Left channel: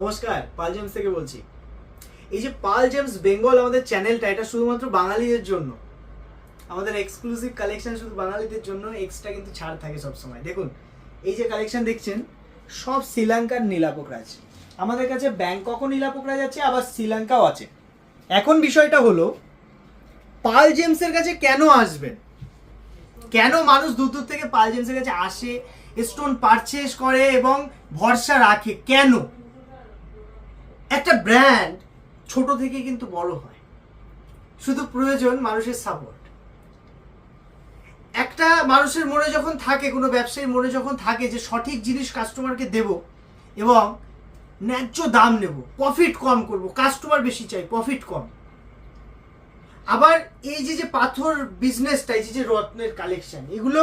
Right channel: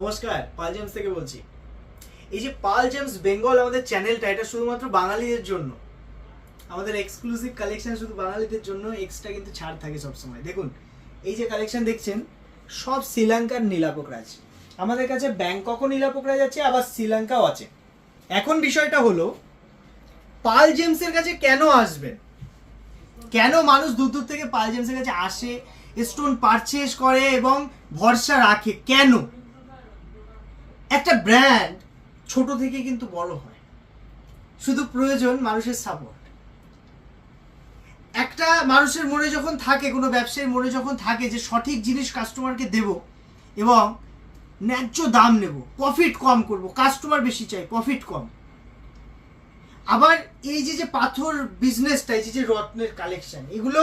নমস্কার, পাল জেমস থেকে বলছি। এই যে পাল জেমস বেঙ্গল আমাদের চ্যানেলটা, এটা শুধুমাত্র বাঙালিদের জন্য। আমাদের এক্সক্লুসিভ কালেকশন শুধু বাঙালিদের জন্য এক্সট্রা কিন্তু ছাড় থাকে সবসময়। দেখুন, এই যে কালেকশন দেখছেন, সব শ্রীলঙ্কার নীলাপোকরাজ আমাদের কাছে ব্যাংককও নীলাপোকরাজ আছে, আবার শ্রীলঙ্কাও আছে। এখন বিষয়টা হলো, পাল জেমসের কাছে কেন আসবেন? কেন মানুষ দূর দূর থেকে পাল জেমসের কাছে আসে স্টোন পারচেস করে এবং ভরসা রাখে? কেন? একটা ব্র্যান্ড ছোট থেকে কিন্তু বড় হয়। শুধু প্রয়োজন মানুষের সাপোর্ট একটা মানুষের মনে যখন থাকে, কোনো ব্যবসায়ীর মনে যখন থাকে যে সঠিক জিনিস কাস্টমারকে দেব এবং ন্যায্য দাম নেব প্রফিট কম করব কাস্টমার বেশি চাই প্রফিট কম। আবার এই যে যে পাথর বিজনেসটা এই যে রত্নের কালেকশন এগুলো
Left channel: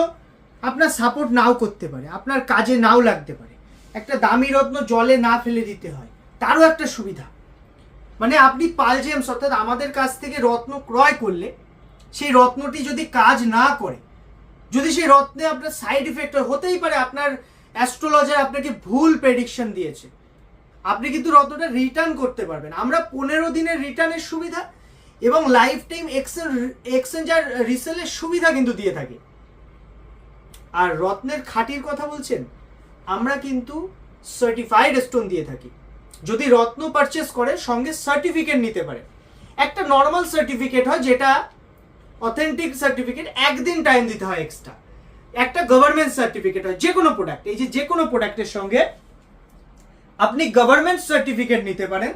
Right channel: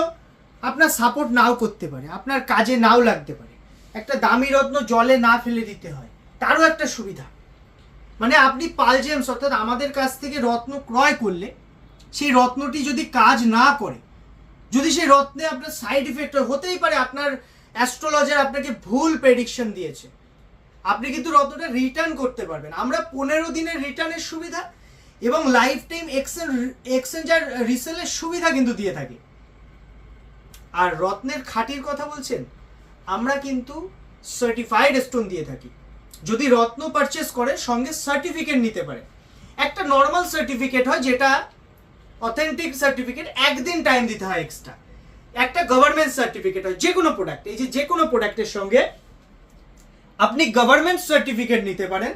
আপনার সাপোর্ট নাও করতে পারে, আপনার কাজে নাও লাগতে পারে। একটা দামি রত্ন জলে না ফেলে দিতে হয়। তারও একটা সুবিধা। মানে আপনি পাল জেমস, অর্থাৎ আমাদের কাছ থেকে রত্ন ক্রয় করলে, সেই রত্নটি যদি কাজ না করে, যদি সেই রত্নে আপনার সাইড ইফেক্ট হতেই পারে আপনার অ্যাস্ট্রোলজার আপনাকে ভুল প্রেডিকশন দিয়েছে। আপনি কিন্তু রত্নটা রিটার্ন করতে পারবেন। আমরা পনেরো দিনের রিটার্নের সুবিধা এবং লাইফ টাইম এক্সচেঞ্জ আর রিসেলের সুবিধা কিন্তু দিয়ে থাকি। আর রত্নের খাঁটির কথা বলছেন, আমরা কিন্তু সার্টিফাইড স্টোন দিয়ে থাকি। যদি রত্ন পারচেস করে, সঙ্গে সার্টিফিকেট নিতে পারে। একটা নর্মাল সার্টিফিকেট হয় যেটা অথেন্টিক সার্টিফিকেট একদিন টাইম দিতে হয় এক্সট্রা একটা গভর্নমেন্ট সার্টিফিকেট হয় যে কোনো প্রোডাক্ট এই যে কোনো প্রোডাক্টের সঙ্গে আপনি গভর্নমেন্ট সার্টিফিকেট নিতে পারেন।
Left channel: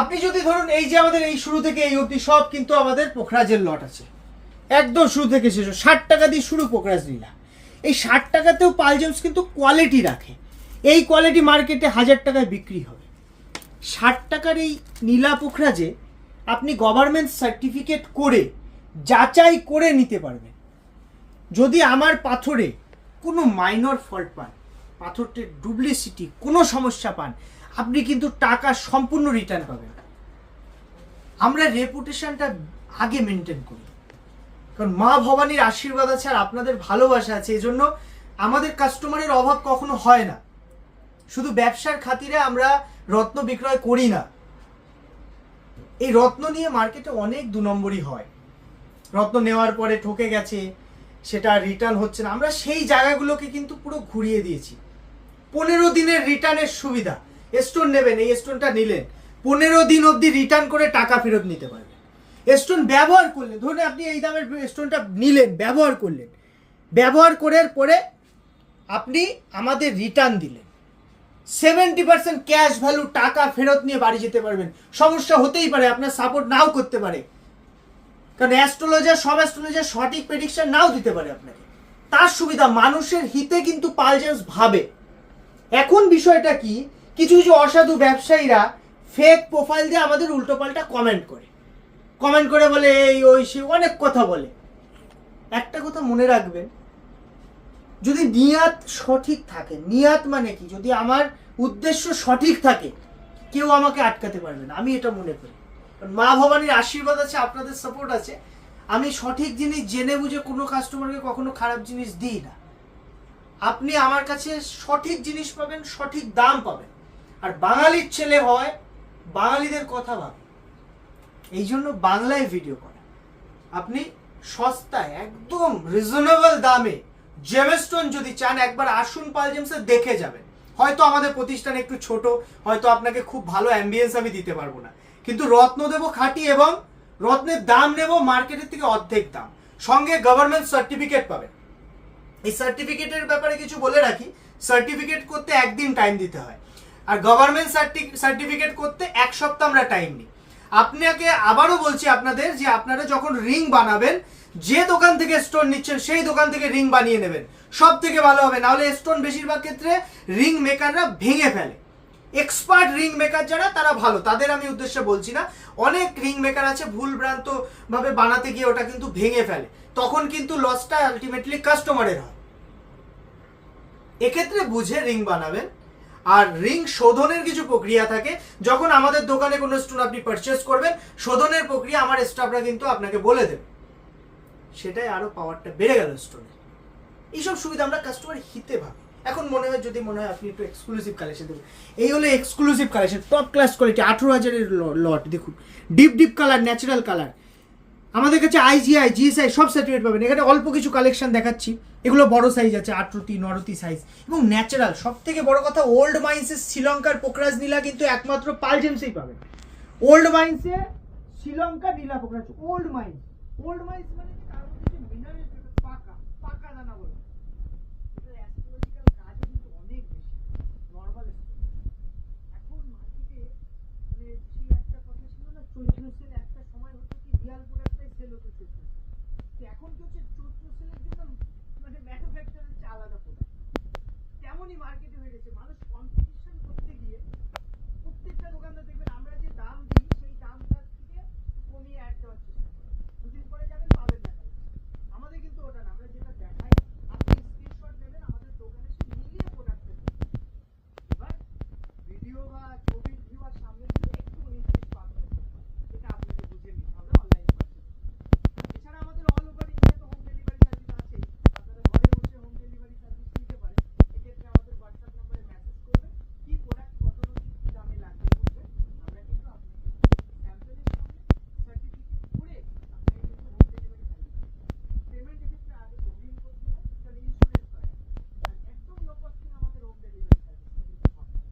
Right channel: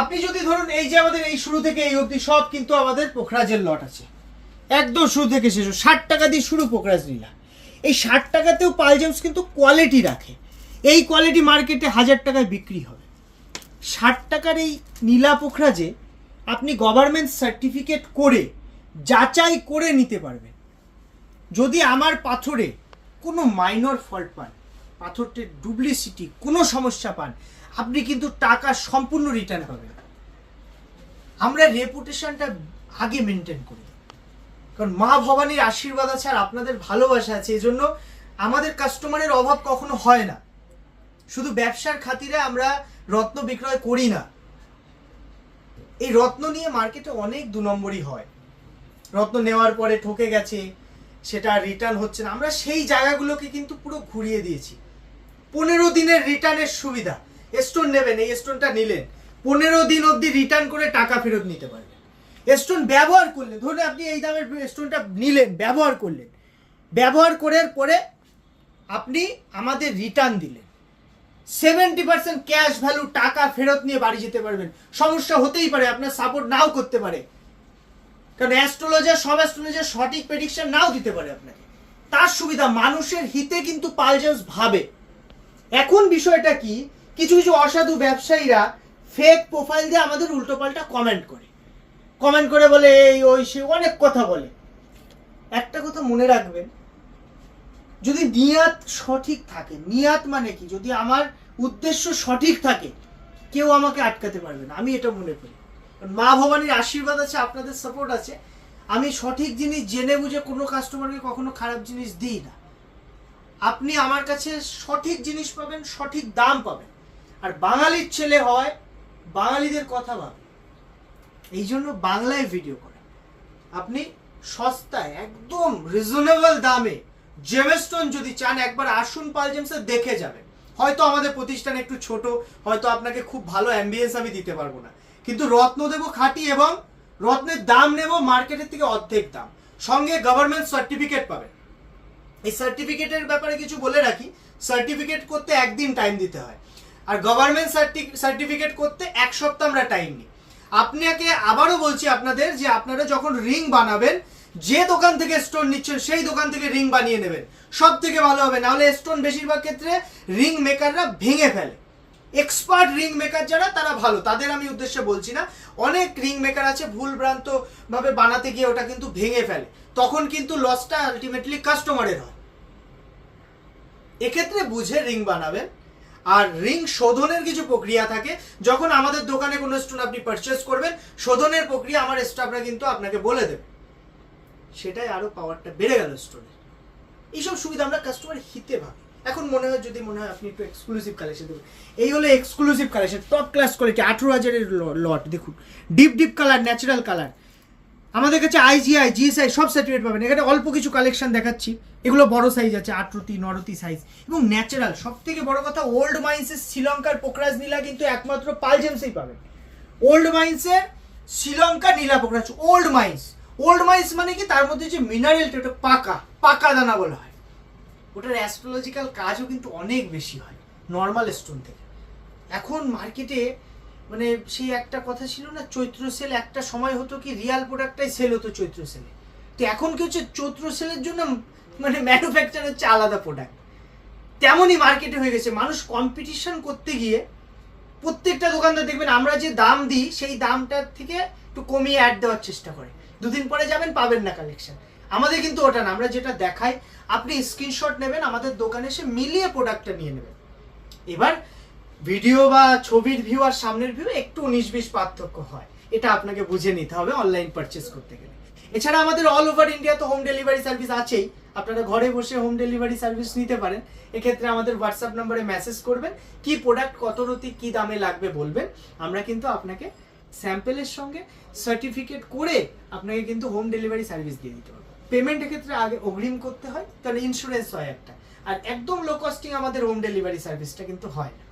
আপনি যদি ধরুন এই যে আমাদের এই শুরু থেকে এই অবধি সব কিন্তু আমাদের পোখরাজের লট আছে। একদম শুরু থেকে শেষ ষাট টাকা দিয়ে শুরু পোখরাজ নীলা এই ষাট টাকাতেও পালজেমস কিন্তু কোয়ালিটি রাখে। এই কোয়ালিটি মার্কেটে হাজার টাকায় বিক্রি হবে। ষাট টাকার এই নীলা পোখরাজে আপনি গভর্নমেন্ট সার্টিফিকেট করে যাচাই করে নিতে পারবেন। যদি আমার পাথরে কোনো মাইনর ফল্ট পান, পাথরটির ডুপ্লিসিটি কোনো সমস্যা পান, আপনি কিন্তু টাকা সম্পূর্ণ রিটার্ন পাবেন। আমরা রেপুটেশনটা আগে মেনটেন করি। কারণ মা ভবানীর আশীর্বাদ আছে আর আপনাদের ভালোবাসা আছে এই জন্য আমাদের কাস্টমারের অভাব কখনো হয় না। শুধু ব্যবসার খাতিরে আমরা রত্ন বিক্রয় করি না। এই রত্ন নিয়ে মার্কেটে অনেক দু নম্বরই হয়। রত্ন নেওয়ার পরে ঠকে গেছে, সেটা রিটার্ন হচ্ছে না। আমরা সেই জায়গাগুলোকে কিন্তু পুরো ঘুরিয়ে দিয়েছি। পনেরো দিনের রিটার্নের সুবিধা। স্টোন নেবেন, এই স্টোনটা নিলেন। পনেরো দিন অবধি রিটার্ন করে টাকা ফেরত নিতে পারবেন। স্টোন ব্যবহার করলেন। ধরুন আপনি এই দামের স্টোনটা নিলেন, ব্যবহার করলেন। ব্যবহার করার পরে আপনি আমাদের রিটার্ন দিলেন। সেভেন্টি পার্সেন্ট ক্যাশ ভ্যালু টাকা ফেরত নিয়ে বাড়ি যেতে পারবেন। সমস্যা হতেই পারে, আপনার সাপোর্ট নাও করতে পারে। কারণ অ্যাস্ট্রোলজার সব অ্যাস্ট্রোলজার সঠিক প্রেডিকশন নাও দিতে পারে আপনাকে। তার সুবিধা, মানুষের হিতে কিন্তু পালজেন্স ভাবে। এখন বিষয়টা কি? কিছু কিছু অসাধু ব্যবসায়ীরা ফেক প্রোফাইল দিয়ে আমাদের উল্টোপাল্টা কমেন্ট করে। কমেন্ট করে বলে, এই, ওই, সে, অনেক কথা বলে। একটা কথা মনে রাখবেন যদি নিয়াত সঠিক থাকে, নিয়াত মানে কি? যদি আমার উদ্দেশ্য সঠিক থাকে, কেউ আমাকে আটকাতে পারবে না। আমি এটা মনে করি। কারণ মা ভবানীর আশীর্বাদ আছে, আপনাদের সাপোর্ট আছে। আমি সঠিক জিনিস জেনে বুঝে কোনো কাস্টমারকে কখনো খারাপ জিনিস দিই না। আপনি আমার কাছে সঠিক জিনিস পাবেন, সঠিক দাম পাবেন। আর বাঙালির ছেলে হয়, বাঙালিদের কথা ভাবে। এই জন্য বাংলায় ভিডিও করা। আপনি সস্তায়, একদম রিজনেবল দামে জেমস্টোন যদি চান, একবার আসুন পালজেমসে দেখে যাবেন। হয়তো আমাদের প্রতিষ্ঠান একটু ছোট, হয়তো আপনাকে খুব ভালো অ্যাম্বিয়েন্স আমি দিতে পারব না। কিন্তু রত্ন দেবো খাঁটি এবং রত্নের দাম নেব মার্কেটের থেকে অর্ধেক দাম। সঙ্গে গভর্নমেন্ট সার্টিফিকেট পাবেন এই সার্টিফিকেটের ব্যাপারে কিছু বলে রাখি। সার্টিফিকেট করতে একদিন টাইম দিতে হয়। আর গভর্নমেন্ট সার্টিফিকেট করতে এক সপ্তাহ আমরা টাইম নিই। আপনাকে আবারও বলছি আপনাদের যে আপনারা যখন রিং বানাবেন যে দোকান থেকে স্টোন নিচ্ছেন, সেই দোকান থেকে রিং বানিয়ে নেবেন। সব থেকে ভালো হবে, নাহলে স্টোন বেশিরভাগ ক্ষেত্রে রিং মেকাররা ভেঙে ফেলে। এক্সপার্ট রিং মেকার যারা, তারা ভালো। তাদের আমি উদ্দেশ্যে বলছি না, অনেক রিং মেকার আছে ভুল ভ্রান্ত ভাবে বানাতে গিয়ে ওটা কিন্তু ভেঙে ফেলে। তখন কিন্তু লসটা আলটিমেটলি কাস্টমারের হয়। এক্ষেত্রে বুঝে রিং বানাবেন। আর রিং শোধনের কিছু প্রক্রিয়া থাকে। যখন আমাদের দোকানে কোনো স্টোন আপনি পারচেস করবেন, শোধনের প্রক্রিয়া আমার স্টাফরা কিন্তু আপনাকে বলে দেবে। সেটাই আরও পাওয়ারটা বেড়ে গেল স্টোনের এইসব সুবিধা আমরা কাস্টমার হিতে ভাবি। এখন মনে হয়, যদি মনে হয় আপনি একটু এক্সক্লুসিভ কালেকশন দেবেন এই হলো exclusive collection top class quality আঠেরো হাজারের লট দেখুন। Deep deep colour natural colour আমাদের কাছে আইজিআই জিএসআই সব সার্টিফিকেট পাবেন। এখানে অল্প কিছু কালেকশন দেখাচ্ছি। এগুলো বড় সাইজ আছে আটরতি নরতি সাইজ এবং ন্যাচারাল সব থেকে বড় কথা ওল্ড মাইন্সের শ্রীলঙ্কার পোকরাজ নীলা কিন্তু একমাত্র পালজেমসেই পাবেন। ওল্ড মাইন্সের শ্রীলঙ্কা নীলা পোকরাজ ওল্ড মাইন্স ওল্ড মাইন্স মানে কি? তার মধ্যে যে মিনারেলটা ওটা পাকা পাকা দানা বলা হয়। ওটার অ্যাস্ট্রোলজিক্যাল কাজও কিন্তু অনেক বেশি হয় নর্মাল স্টোন থেকে। এখন মার্কেটে মানে সেই একটা কথা ছিল না, চৈত্র সেল একটা সময় হতো কি রিয়াল প্রোডাক্টটাই সেল হতো চৈত্র সেলে। তো এখন কি হচ্ছে, চৈত্র সেলের জন্য মানে ম্যানুফ্যাকচার হচ্ছে আলাদা প্রোডাক্ট তেমনই মার্কেটে হয়ে গেছে। মানুষ কম্পিটিশন করতে গিয়ে প্রত্যেকটা দোকানদার দেখবেন, আমরা যে দাম দিই, সেই দামটার থেকে একটু কমিয়ে অ্যাড দেওয়ার চেষ্টা করে। দুদিন পরে যাবেন, পাবেন না কালেকশন আমাদের কিন্তু ওটা না, আমরা যেটা দেখাই, আপনি স্ক্রিনশট নেবেন, আমাদের দোকানে এসে মিলিয়ে প্রোডাক্টটা নিয়ে নেবেন। এবার ভিডিও বা ছবির ভিউ আর সামনের ভিউ একটু উনিশ বিশ পার্থক্য হয়। এটা আপনাকে বুঝে নিতে হবে অনলাইন পারচেস করতে গেলে। এছাড়া আমাদের অল ওভার ইন্ডিয়া তো হোম ডেলিভারি সার্ভিস আছেই। আপনারা ঘরে বসে হোম ডেলিভারি সার্ভিস নিতে পারেন। এক্ষেত্রে আমাদের হোয়াটসঅ্যাপ নম্বরে মেসেজ করবেন, কি প্রোডাক্ট কত রতি, কি দামে লাগবে বলবেন। আমরা কিন্তু আপনাকে স্যাম্পেলের সঙ্গে সার্টিফিকেট করে আপনাকে কিন্তু হোম ডেলিভারি সার্ভিস দিয়ে দিতে হবে। পেমেন্টের ক্ষেত্রে আগে অগ্রিম করতে হয়, তাহলে ইন্স্যুরেন্স হয় একটা। আর একদম লো কস্টিং আমাদের হোম ডেলিভারি সার্ভিসটা কিন্তু হয় না।